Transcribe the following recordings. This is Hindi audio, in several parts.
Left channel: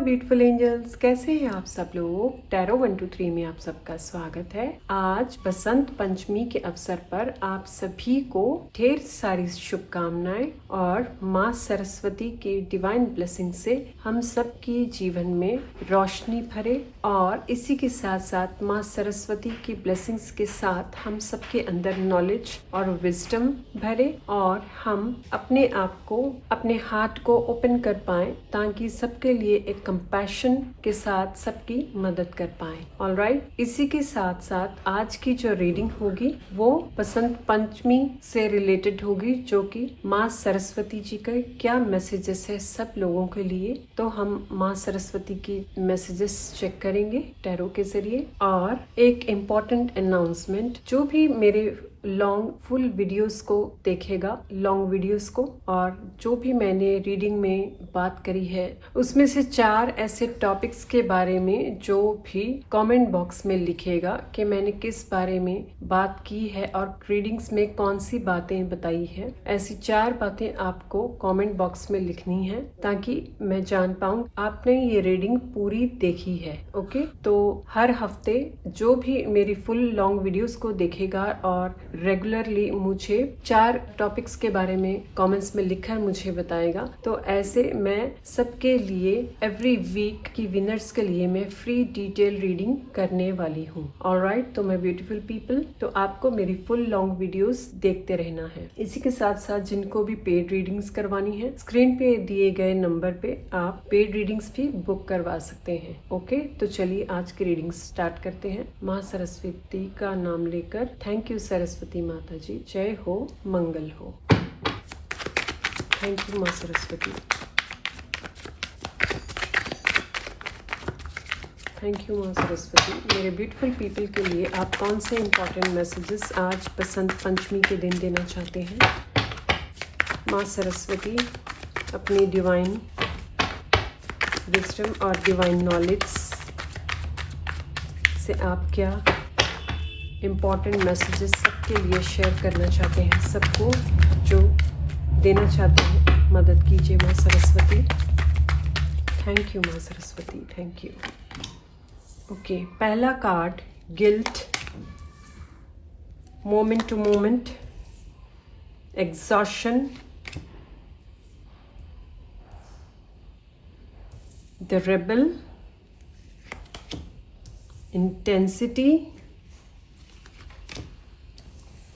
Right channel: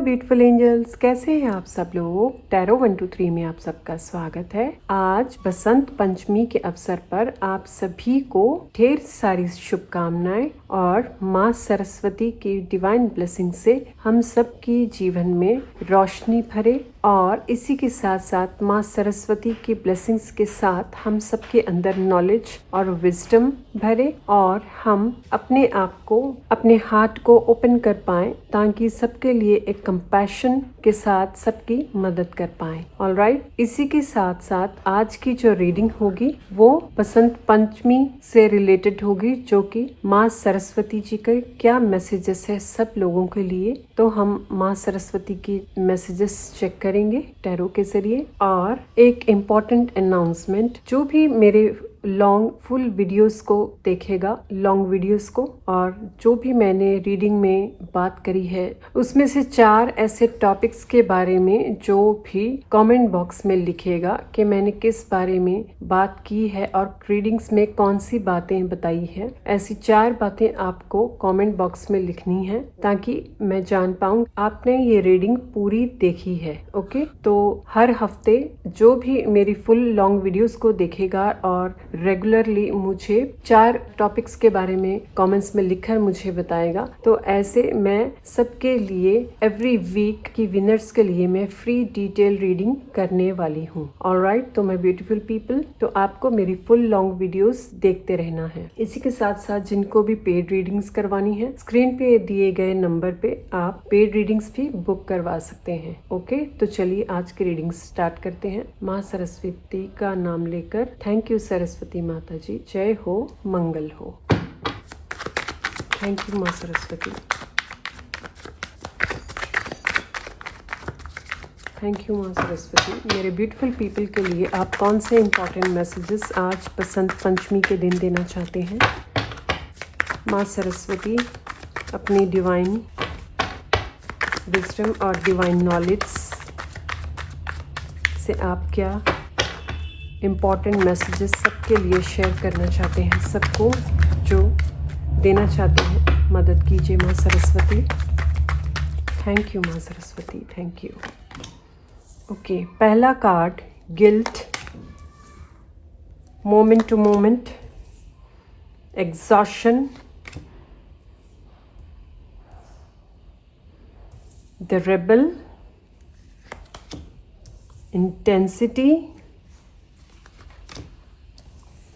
ब्यूटीफुल एंजल्स, कैसे हैं आप सब लोग। टैरो 123 में आप सबका स्वागत है। आज बसंत पंचमी के अवसर पर आप सभी को ढेर सारी शुभकामनाएं और माँ सरस्वती की डिवाइन ब्लेसिंग से हम सब के जीवन में रोशनी भरे और इसी के साथ साथ माँ सरस्वती की ब्लेसिंग्स के साथ हम सबके अंदर नॉलेज और विजडम भरे और हम अपने आप को, अपने हार्ट को ओपन कर पाएं ताकि सबके लिए एक कंपैशन के साथ सबकी मदद कर पाएं। ऑलराइट, इसी के साथ साथ आज की जो रीडिंग होगी वो बसंत पंचमी से रिलेटेड होगी, जो कि माँ सरस्वती जी के क्या मैसेजेस है सब लोगों के लिए। तो हम माँ सरस्वती की मैसेजेस चेक करेंगे टैरो के जरिए। और एक इम्पॉर्टेंट अनाउंसमेंट, जो भी मेरे लॉन्ग फुल वीडियोस को देखेगा, लॉन्ग वीडियोस को, और जो भी मैंने रीडिंग में बात करी है उसमें से 4 ऐसे टॉपिक्स के बारे में जो भी कमेंट बॉक्स में लिखेगा कि मैंने किस बारे में बात की है और रीडिंग्स में कौन सी बातें बताई है, ऐसी 4 बातें आपको कमेंट बॉक्स में लिखनी है ताकि मैं जान पाऊँ आपने ये रीडिंग पूरी देखी है। ओके, तो हर हफ्ते जो भी मेरी फुल लॉन्ग वीडियोस को देखेगा और रेगुलरली मुझे 4 टॉपिक्स के बारे में कमेंट्स में लिखकर मुझे बताएगा, तो ऐसे मैं सबके लिए एवरी वीक की विनर्स के लिए मैं फ्री डिटेल रीडिंग करने वाली हूँ। ऑलराइट, तो मैं ब्यूटीफुल पीपल, तो आपको मेरी फुल लॉन्ग वीडियोस देखते रहना है। इसी के साथ साथ जिनको भी पेड रीडिंग्स करवानी है, स्क्रीन पे दिए गए नंबर पे आप पेड रीडिंग्स भी बुक करवा सकते हैं। ओके, तो चलिए आज की रीडिंग स्टार्ट करते हैं माँ सरस्वती का नाम लेकर। थैंक यू सरस्वती माता जी, जय हो, मंगल हो। थैंक यू माँ सरस्वती, थैंक यू माँ सरस्वती। मेरे ब्यूटीफुल पीपल के लिए आप कौन से इम्पोर्टेंट मैसेजेस आज बसंत पंचमी के दिन देना चाहते हैं। माँ सरस्वती अपनी डिवाइन विजडम और डिवाइन नॉलेज से आप क्या इम्पॉर्टेंट मैसेजेस सबके लिए शेयर करना चाहते हैं, सबको जो देना चाहते हैं, मदद कीजिए माँ सरस्वती। थैंक यू माँ सरस्वती, थैंक यू। ओके, पहला card guilt, moment to moment, exhaustion, the rebel, intensity,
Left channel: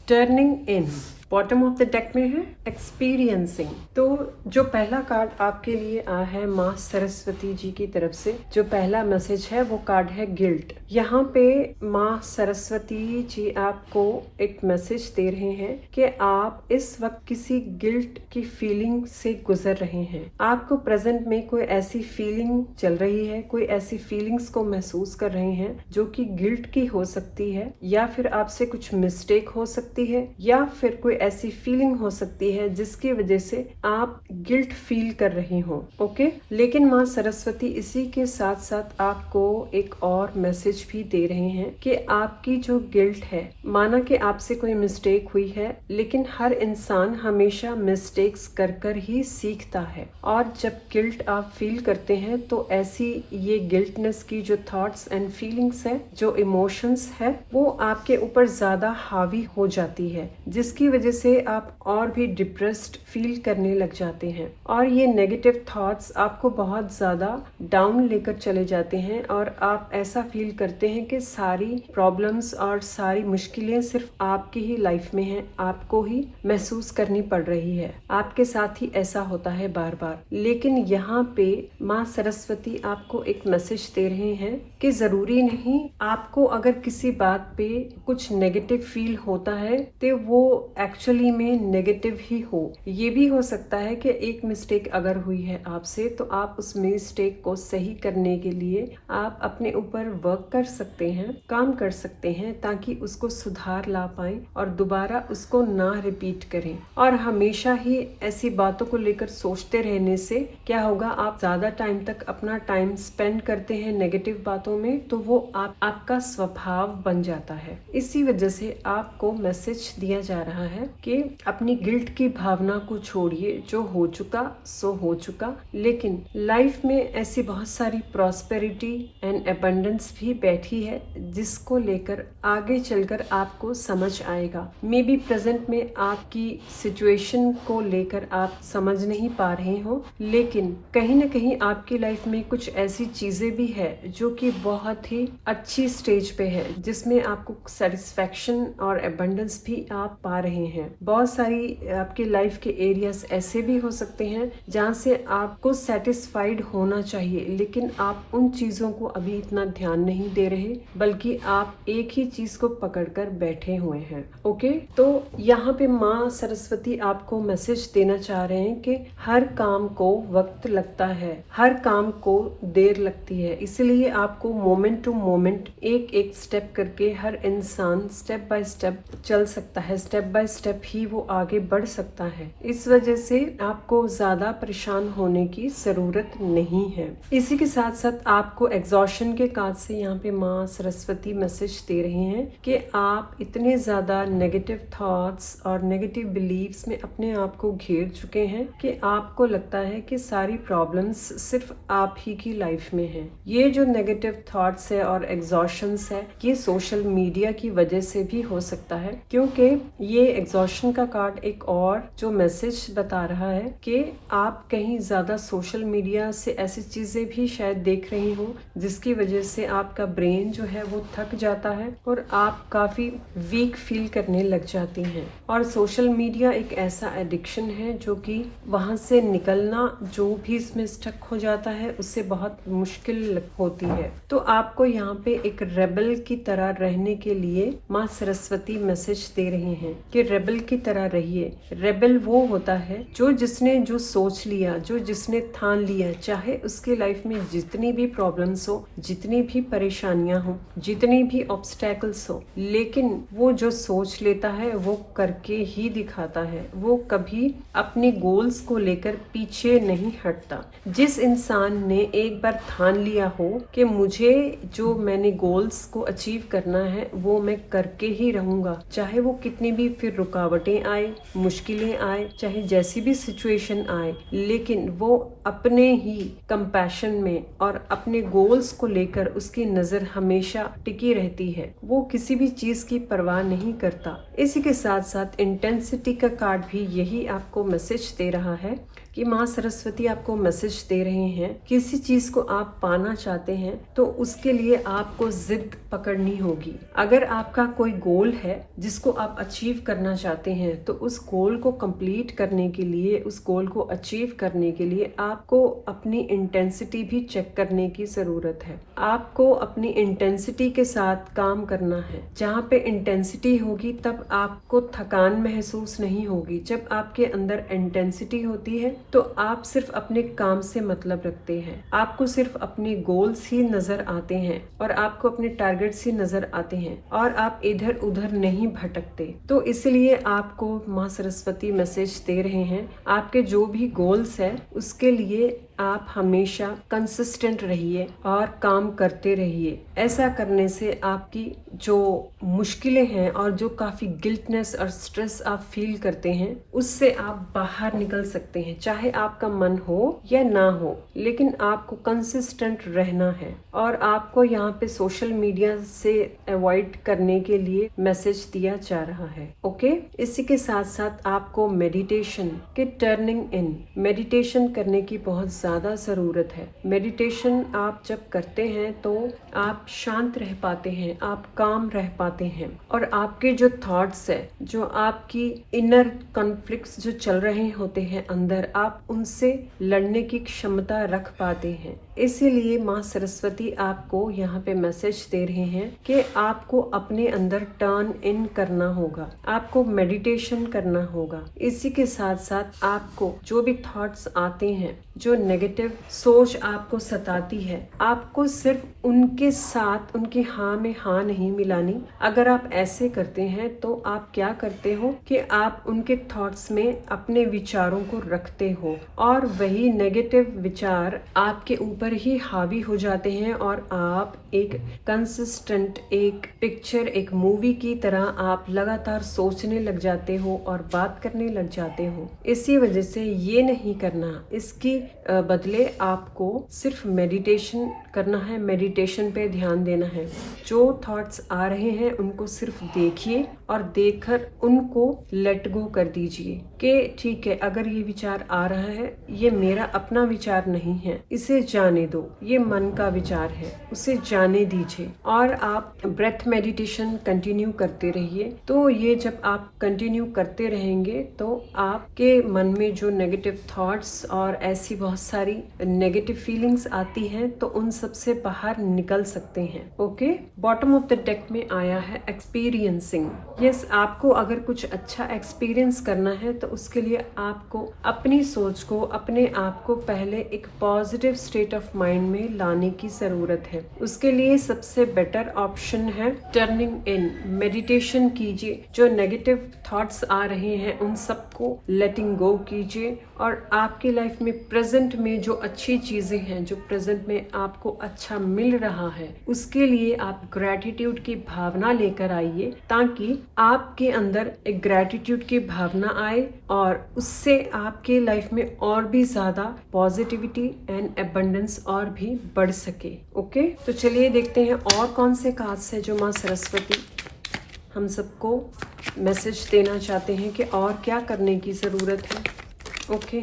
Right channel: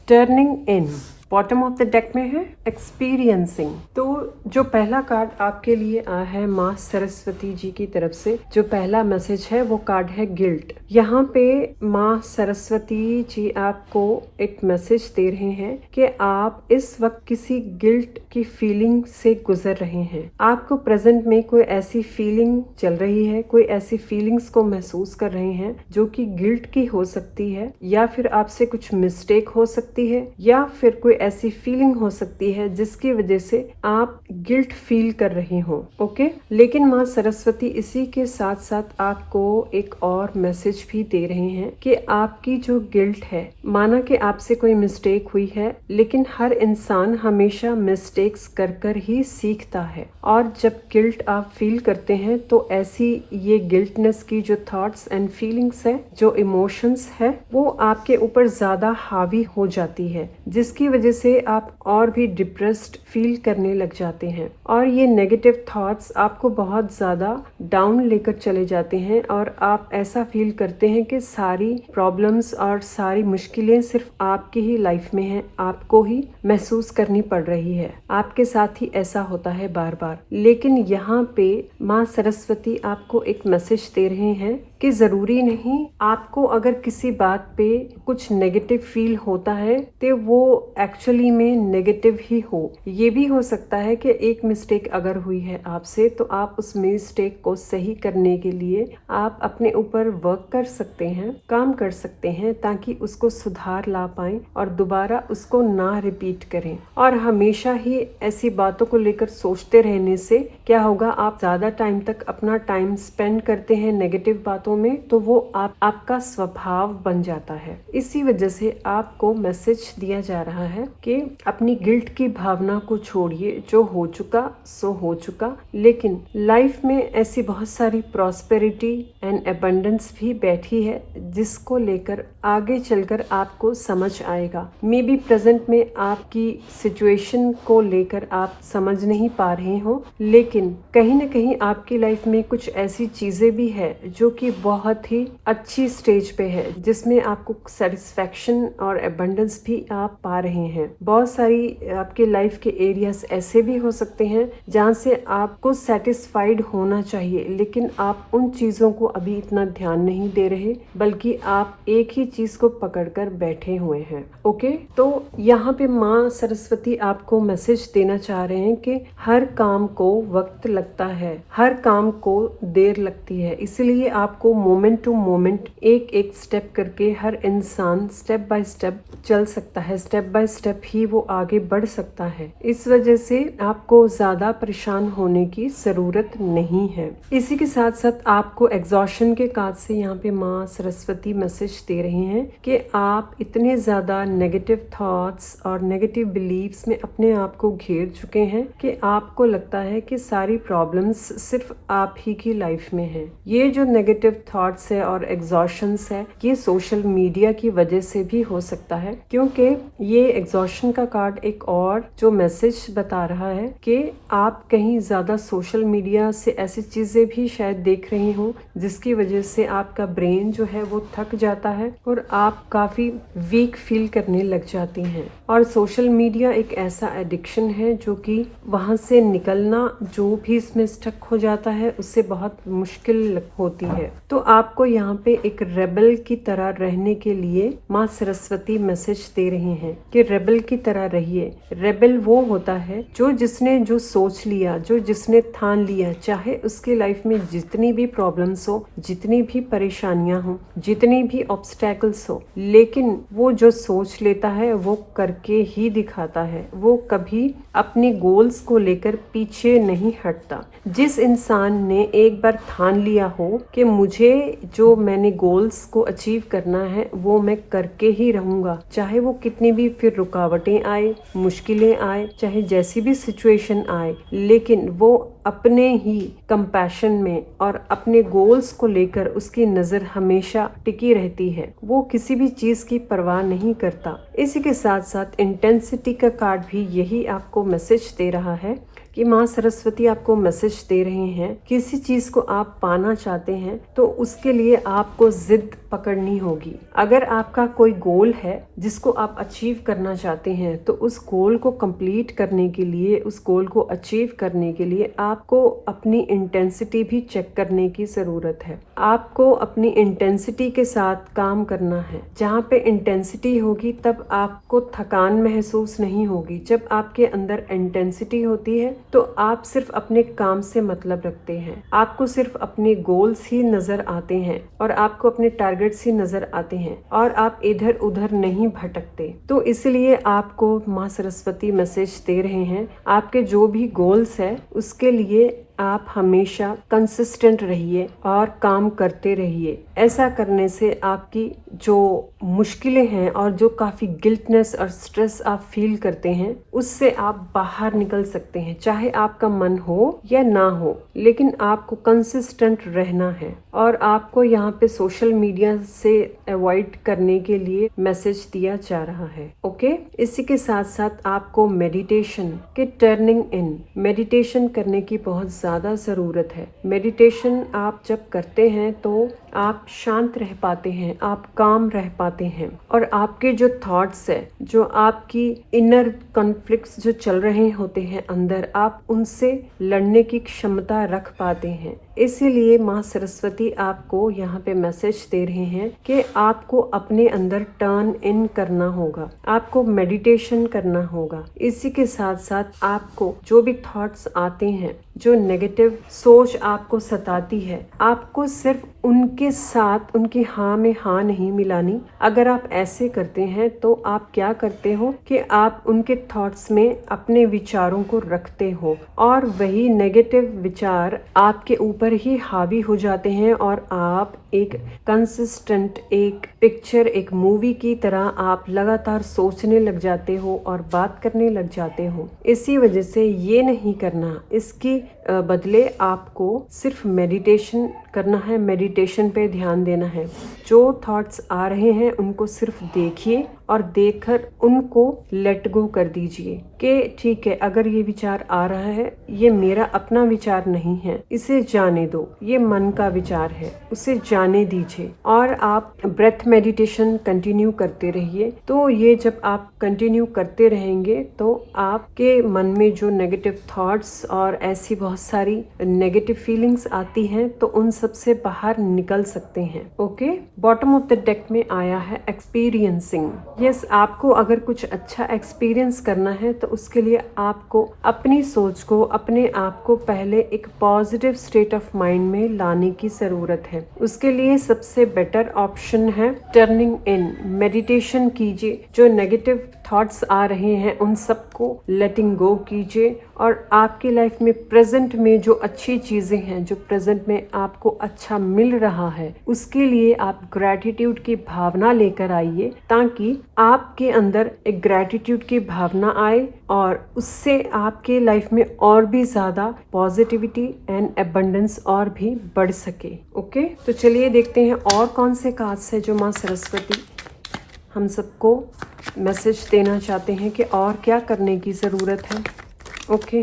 turning in. Bottom of the deck में है एक्सपीरियंसिंग। तो जो पहला कार्ड आपके लिए आया है माँ सरस्वती जी की तरफ से, जो पहला मैसेज है वो कार्ड है गिल्ट। यहाँ पे माँ सरस्वती जी आपको एक मैसेज दे रहे हैं कि आप इस वक्त किसी गिल्ट की फीलिंग से गुजर रहे हैं। आपको प्रेजेंट में कोई ऐसी फीलिंग चल रही है, कोई ऐसी फीलिंग्स को महसूस कर रहे हैं जो कि गिल्ट की हो सकती है, या फिर आपसे कुछ मिस्टेक हो सकती है, या फिर कोई ऐसी फीलिंग हो सकती है जिसकी वजह से आप गिल्ट फील कर रहे हो। ओके, लेकिन माँ सरस्वती इसी के साथ साथ आपको एक और मैसेज भी दे रहे हैं कि आपकी जो गिल्ट है, माना कि आपसे कोई मिस्टेक हुई है, लेकिन हर इंसान हमेशा मिस्टेक्स कर कर ही सीखता है। और जब गिल्ट आप फील करते हैं तो ऐसी ये गिल्टनेस की जो थॉट्स एंड फीलिंग्स है, जो इमोशंस है, वो आपके ऊपर ज्यादा हावी हो जाती है, जिसकी वजह से आप और भी डिप्रेस्ड फील करने लग जाते हैं। और ये नेगेटिव थॉट्स आपको बहुत ज्यादा डाउन लेकर चले जाते हैं और आप ऐसा फील करते हैं कि सारी प्रॉब्लम्स और सारी मुश्किलें सिर्फ आपकी ही लाइफ में हैं, आपको ही महसूस करनी पड़ रही है। आपके साथ ही ऐसा होता है बार बार। लेकिन यहाँ पे माँ सरस्वती आपको एक मैसेज दे रहे हैं कि जरूरी नहीं, आपको अगर किसी बात पे कुछ नेगेटिव फील होता है तो वो एक्चुअली में नेगेटिव ही हो। ये भी हो सकता है कि एक मिस्टेक अगर हुई है आपसे, तो आप उस मिस्टेक को सही करने के लिए आप अपने ऊपर वर्क कर सकते हैं, काम कर सकते हैं, ताकि उसको सुधार ला पाएं और दोबारा उसको ना रिपीट करें। और हमेशा ही ऐसी बातों को लेकर सोचते रहने से क्या होगा, आप ज्यादा टाइम तक अपना टाइम स्पेंड करते हैं नेगेटिव बातों में, तो वो आपका स्वभाव बन जाता है। इसी वजह से आपको मैसेज दिया जा रहा है है कि अपनी गिल्ट की भावना को छोड़िए, जो हो चुका सो हो चुका, लेकिन लाइफ में ऐसी बहुत सारी प्रॉस्पेरिटी एंड एबंडेंस भी बैठी है जिसको लेकर आगे चलकर आपको समझ आएगा। मे बी प्रेजेंट में आपकी सिचुएशन को लेकर आप समझ नहीं पा रहे हो, लेकिन कहीं न कहीं आपकी लाइफ में कुछ ऐसी चीजें भी है जो कि बहुत ही अच्छी स्टेज पे है, जिसमें आपको सेटिस्फेक्शन और एबंडेंस भी आप पा रहे हैं। बहुत सारी आपके लाइफ के एरियाज ऐसे भी हो सकते हैं जहाँ से आपको सेटिस्फाइड होना चाहिए, लेकिन आप उन चीजों को अभी इतना ध्यान नहीं दे रहे, बल्कि आप एक ही चीज को पकड़कर बैठे हुए हैं। ओके, तो यहाँ पे माँ सरस्वती आपको मैसेज देना चाह रहे हैं कि हर काम को वक्त लगता है, हर काम को देर लगती है, इसलिए आपको मोमेंट टू मोमेंट एक एक स्टेप करके हर इंसान स्टेप बाय स्टेप चल सकता है, स्टेप बाय स्टेप ही वो आगे बढ़ सकता है। इस वजह से आपको ज्यादा परेशान होने की जरूरत नहीं है। इसी के साथ साथ आपको एग्जॉशन के कार्ड से यहाँ पे माँ सरस्वती मैसेज दे रहे हैं कि आप इतने ज्यादा नेगेटिव थॉट्स और नेगेटिव बिलीव्स में अपने आप को घेर चुके हैं कि आपको लगता है कि सारी प्रॉब्लम्स सिर्फ आप ही की लाइफ में है। ये जो नेगेटिव थॉट्स है और एग्जॉशंस है, ये सोशल मीडिया की वजह से भी हो सकता है, क्योंकि ये एग्जॉशन का कार्ड एक और जो मैसेज बता रहा है कि आप कहीं ज्यादा सोशल मीडिया से ऐसी चीजें भी शायद देख रही हो जिसकी वजह से आपका ब्रेन जो है वो थक जाता है और आप काफी वीक फील करने लग जाती हैं। और सोशल मीडिया एक ऐसा एडिक्शन है जो कि वहां से निकलना, जो भी इसमें स्टक हो जाता है, उससे बहुत मुश्किल होती है। तो आपको यहाँ पे एक रेबल की तरह रहने के लिए माँ सरस्वती मैसेज दे रही हैं कि रेबल की तरह रहिए। रेबल वो होता है जो जिसने जो सोच लिया, जो जिसने ठान लिया, चाहे उसके लाइफ में जितनी भी प्रॉब्लम्स हो, जितनी भी परेशानियां हो, जितनी भी ऑब्स्टेकल्स हो, लेकिन वो जो सोच लेता है वो करके ही दिखाता है। वो कभी अपनी गोल्स को लेकर पीछे नहीं हटता। जिस इंसान ने एक बार ठान लिया हो कि मुझे जो मैंने गोल्स को अचीव करना है वो मैं करके ही रहूंगा, चाहे वो कितनी भी फिर रुकावटें आए, मुश्किलें आए, चाहे जैसी भी सिचुएशन आए, लेकिन वो अपने ही कंपैशन में और अपने गोल्स को लेकर उसकी नजर हमेशा टिकी रहती है। वो किसी भी चीज की परवाह नहीं करता। इसी के साथ साथ इंटेंसिटी का कार्ड भी यही आपको मैसेज दे रहा है कि माँ सरस्वती आपको मैसेज दे रहे हैं, किसी चीज को आप पाना चाहते हैं तो उसके लिए आपको जिद पकड़नी होगी। अगर आपका कोई गोल है जिसको आप अचीव करना चाहते हैं, तो उस गोल को कंप्लीट करने के लिए, उस गोल को अचीव करने के लिए आपको अपनी इंटेंसिटी भी चेक करने की जरूरत है। आपको अपनी इंटेंसिटी के साथ काम करना है। जहाँ पे इंटेंसिटी होगी तब आपको थकान महसूस नहीं होगी। जब आपके अंदर इंटेंसिटी होती है तो आप सिर्फ अपने काम से मतलब रखते हैं, आपको सिर्फ अपने गोल्स ही नजर आते हैं और आपको अपने टारगेट्स ही नजर आते हैं और आप इधर उधर नहीं भटकते। तो इसलिए आपको माँ सरस्वती मैसेज दे रहे हैं, आपके जो भी गोल्स है उसके लिए आप हमेशा कंसिस्टेंट रहिए और काम करते रहिए। ऐसा करने से आपकी जो मुश्किलें हैं और जो काफी गिल्टनेस और स्ट्रेस आप फील करते हैं, उससे आप बाहर निकल सकते हैं। चाहे आपका मन हो या ना हो, लेकिन आपको कंसिस्टेंट रहना है। और आपको यहाँ पे सोशल मीडिया से अवॉइड करने के लिए मैसेज दिया जा रहा है। ओके, इसी के साथ साथ आपको मेडिटेशन के टर्निंग इन, मेडिटेशन करने की बहुत ज्यादा जरूरत है। मेडिटेशन आप जब करते हैं तो आप शांत रह पाते हैं, आप काम रह पाते हैं और आपके जो थॉट्स है, जो आपकी इनर कॉन्फ्लिक्ट्स जो चल रहे होते हैं अंदर, आप उनसे लड़ने की क्षमता रख पाते हैं। इसीलिए माँ सरस्वती आपको यहाँ पे मैसेज दे रहे हैं कि आपको अपने अंदर टर्न इन करना होगा, आपको मेडिटेशन करना होगा। इसी के साथ साथ आपको जो भी थॉट्स आते हैं, जो नेगेटिव सोच आपको सताती है, आपको सिर्फ उनके साथ उनकी हाँ में हाँ नहीं मिलानी। अगर आप ऐसे करते हैं तो आप क्या करते हो कि आप उनके थॉट्स में अपने विचारों को रखते हो और वही नेगेटिव विचार आपके ऊपर ही हावी हो जाते हैं और आप एक कंसिस्टेंट एक पिक्चर एक मूवी की तरह आप लगातार सोचने लग जाते हो और बात करने लग जाते हो। इसी वजह से ये नहीं करना, इसके बदले आपको सिर्फ मेडिटेशन करना है, मेडिटेशन पे ध्यान देना है। जो थॉट्स आ रहे हैं उनको सिर्फ देखिए और देखकर उनको लेट गो कर दीजिए कि ठीक है, अगर ये विचार आ रहा है ये मेरा अपना विचार नहीं है, इसे जाने दो, ये मन का विचार है, उसे जाने दीजिए। और आप ब्रेथ मेडिटेशन कंटिन्यू करते रहिए। तो ये जब आप कंटिन्यू करते रहेंगे तो आपके मन में जो नेगेटिव थॉट्स और ऐसी बहुत सारी नेगेटिव फीलिंग्स आती हैं तो उन सब से बाहर निकल सकते हैं। Okay, bottom of the deck में आया है एक्सपीरियंसिंग। यस, आपको अगर कुछ अच्छा एक्सपीरियंस करना है तो उसके लिए आपको अपनी सोच को, अपने आप को पहले एक पॉजिटिव स्टेट ऑफ माइंड में लाने की जरूरत है। उसके लिए सबसे बेटर ऑप्शन है टर्निंग इन। मेडिटेशन कीजिए, जो नेगेटिव थॉट्स आ रहे हैं उन सबको लेटिंग गो कीजिए और आपकी लाइफ में प्रेजेंट में जो अच्छी चीजें हैं, जो प्रेजेंट में आपको अच्छा मिल रहा है, उसके लिए आप ग्रैटिट्यूड की भावना लेकर आइए ताकि आपके अंदर एक ग्रैटिट्यूड की भावना आए और उससे आपके लाइफ में और भी ज्यादा पॉजिटिविटी एंड एबंडेंस और भी बढ़ सके। ओके, तो चलिए देखते हैं और कौन से कार्ड्स है जो माँ सरस्वती हम सबको मैसेज देना चाहते हैं कि और क्या करने की ज़रूरत है। Okay,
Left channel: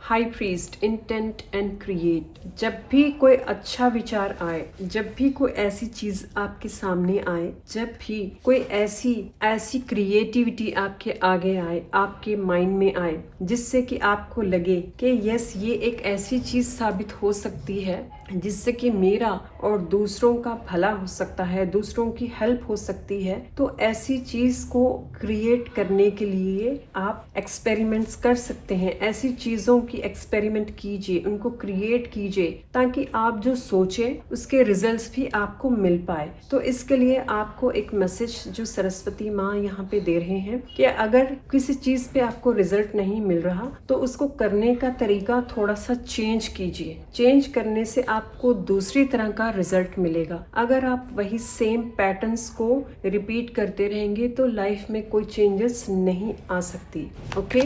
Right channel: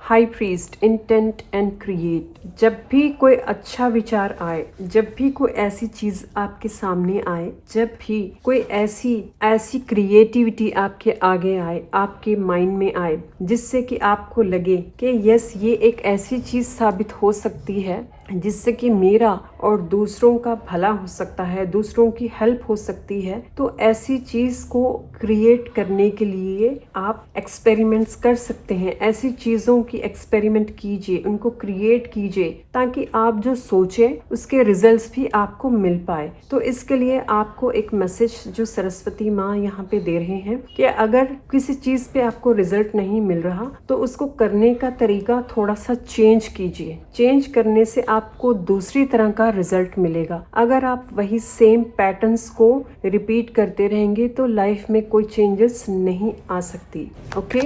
high priest, intent and create. जब भी कोई अच्छा विचार आए, जब भी कोई ऐसी चीज आपके सामने आए, जब भी कोई ऐसी क्रिएटिविटी आपके आगे आए, आपके माइंड में आए, जिससे कि आपको लगे कि यस ये एक ऐसी चीज साबित हो सकती है जिससे कि मेरा और दूसरों का भला हो सकता है, दूसरों की हेल्प हो सकती है, तो ऐसी चीज को क्रिएट करने के लिए आप एक्सपेरिमेंट्स कर सकते हैं। ऐसी चीजों की एक्सपेरिमेंट कीजिए, उनको क्रिएट कीजिए ताकि आप जो सोचें उसके रिजल्ट्स भी आपको मिल पाए। तो इसके लिए आपको एक मैसेज जो सरस्वती माँ यहाँ पे दे रहे हैं कि अगर किसी चीज पे आपको रिजल्ट नहीं मिल रहा तो उसको करने का तरीका थोड़ा सा चेंज कीजिए। चेंज करने से आपको दूसरी तरह का रिजल्ट मिलेगा। अगर आप वही सेम पैटर्न्स को रिपीट करते रहेंगे तो लाइफ में कोई चेंजेस नहीं आ सकती। ओके,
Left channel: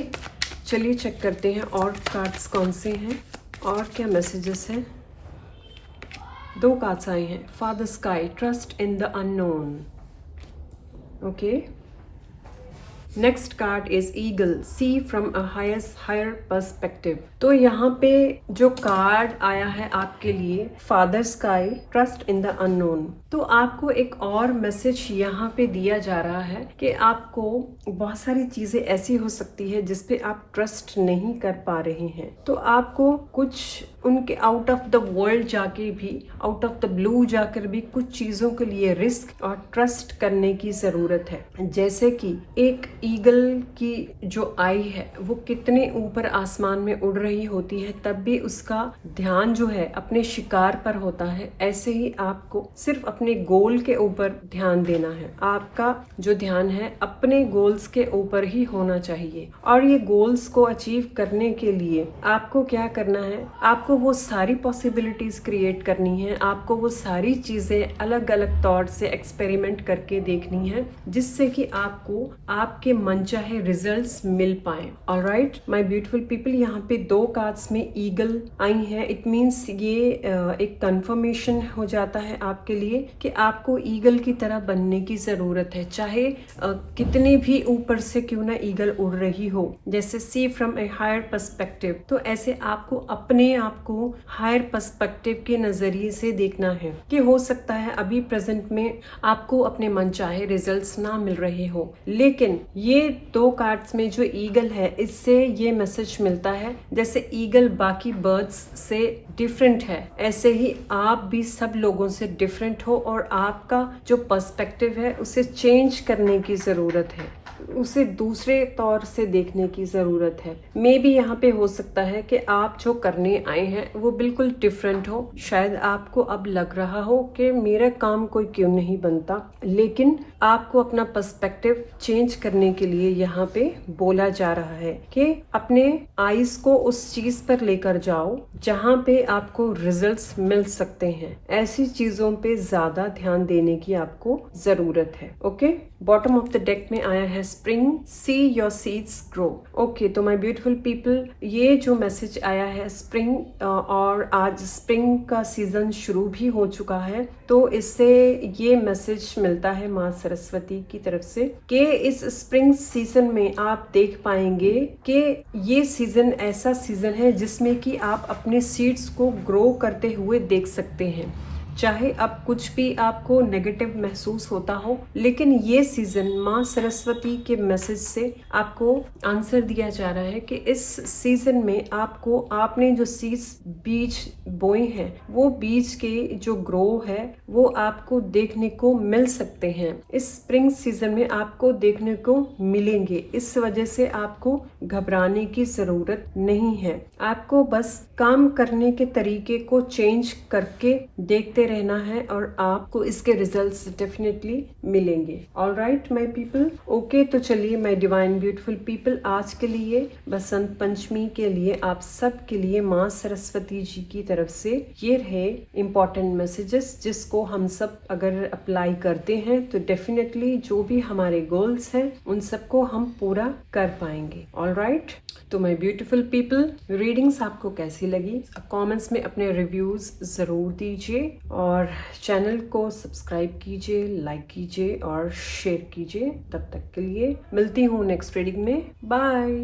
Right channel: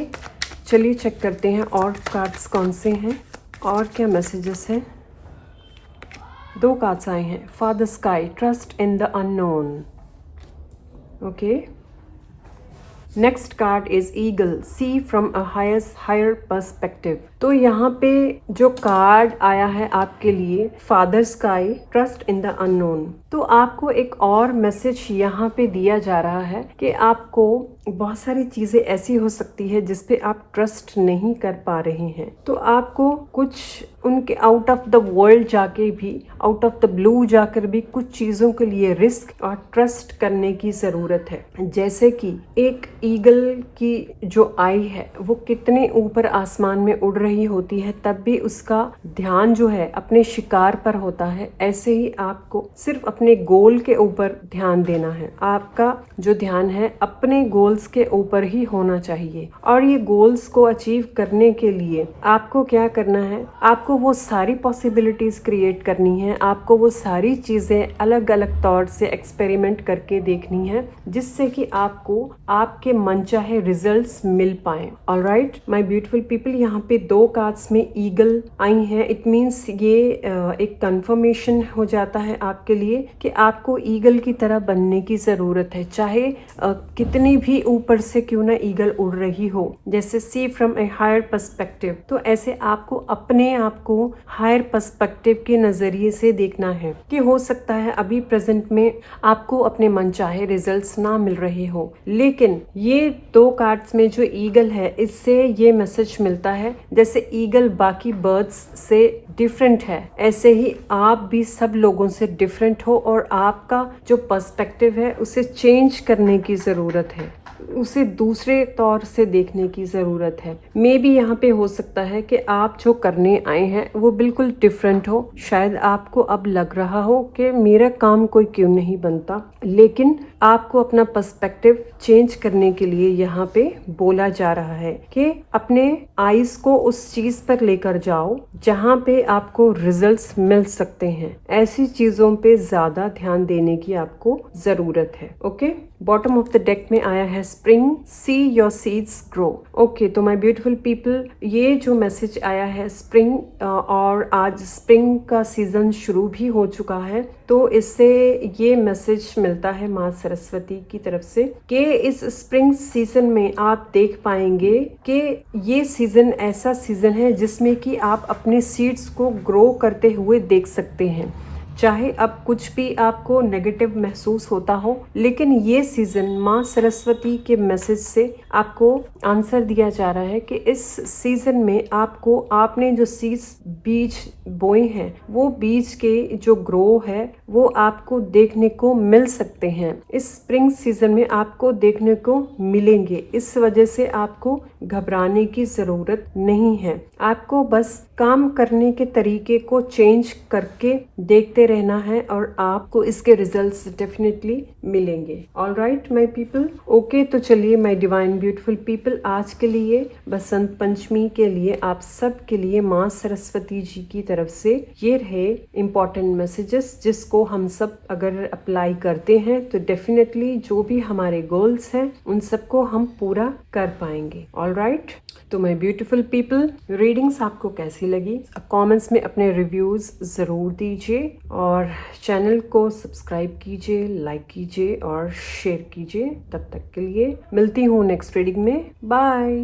चलिए चेक करते हैं और कार्ड्स कौन से हैं और क्या मैसेजेस हैं। 2 कार्ड्स आए हैं, father sky, trust in the unknown. Okay, next card is eagle, see from a higher perspective. तो यहाँ पे जो कार्ड आया है आपके लिए, father sky, trust in the unknown, तो आपको एक और मैसेज यहाँ पे दिया जा रहा है कि आपको बहुत सारी चीजें ऐसी हो सकती है जिसपे आप ट्रस्ट नहीं कर पा रहे हैं। तो आपको कुछ उनके आउट ऑफ द वर्ल्ड जाके भी, आउट ऑफ द ब्लू जाकर भी कुछ चीजों के लिए रिस्क और ट्रस्ट करने की जरूरत है। जैसे कि एक ईगल की जो आई है वो कितने ऊपर आसमान में उड़ रही होती है, तब भी उसका ध्यान जो है अपने शिकार पर होता है। ऐसे ही आपको सिर्फ अपने गोल के ऊपर ध्यान देना है। आपका जो ध्यान है अपने गोल्स के ऊपर ही होना चाहिए। और ये गोल्स को अचीव करने के लिए आपको क्या करना है, आपको वो सारी पॉसिबिलिटीज क्रिएट करनी है, आपको वो सारी चीजें अलग अलग तौर से एक्सपेरिमेंट करके देखनी है जिससे कि आपको आपके मनचाहे रिजल्ट्स मिल पाए। ऑलराइट माय ब्यूटीफुल पीपल, यहाँ पे 2 कार्ड्स में ईगल आई है। इट मीन्स ये एक कंफर्मेशन हो जाता है आपके लिए कि आपको ईगल की तरह बनने की जरूरत है। चाहे कितनी भी ऊपर से क्यों ना ईगल उड़ रही हो, जैसे सी फ्रॉम ए हायर पर्सपेक्टिव, तो ऐसे आपको अपने आप को हायर पर्सपेक्टिव के नजरिए से देखना है कि हो सकता है अभी प्रेजेंट में आपको अपने मनचाहे रिजल्ट्स ना मिल रहे हो, लेकिन ये 2 कार्ड्स में जो ईगल है इससे ये मैसेज मिलता है जैसे ईगल बाकी बर्ड्स से डिफरेंट है, ऐसे ही आप भी सब लोगों से डिफरेंट हो और आपका जो पर्सपेक्टिव है उसे चेंज करने की जरूरत है। उसे दूसरे तौर से देखने की ज़रूरत है। मे बी यहाँ पे हो सकता है कि आप जो करने आए हैं वो बिल्कुल डिफरेंट हो। शायद आपको अब लग रहा हो कि मेरा काम कोई क्यों नहीं बनता, लेकिन आपको अपना पर्सपेक्टिव चेंज करने के लिए यहाँ पे बोला जा रहा है कि अपने आइज को उस चीज पर लेकर जाओ जहाँ पे आपको रिजल्ट्स मिल सकते हैं। ऐसी चीजों पे ज्यादा ध्यान देने की आपको जरूरत है। Okay, bottom of the deck में आया है spring, see your seeds grow. Okay, तो माय ब्यूटीफुल पीपल, ये जो मैसेज आया है स्प्रिंग, और आज स्प्रिंग का सीजन शुरू भी हो चुका है, तो इससे ये मैसेज मिलता है माँ सरस्वती की तरफ से कि इस स्प्रिंग सीजन में आप देख पाएंगे कि ये सीजन ऐसा सीजन है जिसमें कि आप अपने सीड्स को ग्रो करते हुए देख सकते हैं। चाहे अब कुछ भी आपको नेगेटिव महसूस होता हो, लेकिन ये सीजन माँ सरस्वती के मैसेज से आपको आंसर दिया जा रहा है कि इस सीजन में आपको, आपने जो सीड्स बीज बोए हैं वो बीज के जो ग्रो है वो आपको देखने को मिल सकते हैं। इस स्प्रिंग सीजन में आपको देखने को मिलेंगे। इस वजह से आपको घबराने की जरूरत नहीं है। आपको बस काम करने के तरीके को चेंज करके देखते रहना है और आपको इसके रिजल्ट्स डेफिनेटली मिलेंगे। ऑलराइट माय पीपल, ओके, तो चलिए माय डिवाइन ब्यूटीफुल पीपल, आज के लिए बसंत पंचमी के लिए आप सब के लिए माँ सरस्वती जी की तरफ से ये रहे इम्पोर्टेंट मैसेजेस, जिसको हम सब अगर अप्लाई करते हैं तो डेफिनेटली जो भी हमारे गोल्स हैं उन सबको हम पूरा कर पाएंगे। ऑलराइट, तो माय ब्यूटीफुल पीपल, रीडिंग्स आपको कैसी लगी? कमेंट्स में अपने रिव्यूज जरूर दीजिए और चैनल को सब्सक्राइब कीजिए, लाइक कीजिए और शेयर कीजिए। तब तक के लिए मिलती हूँ नेक्स्ट रीडिंग में। बाय।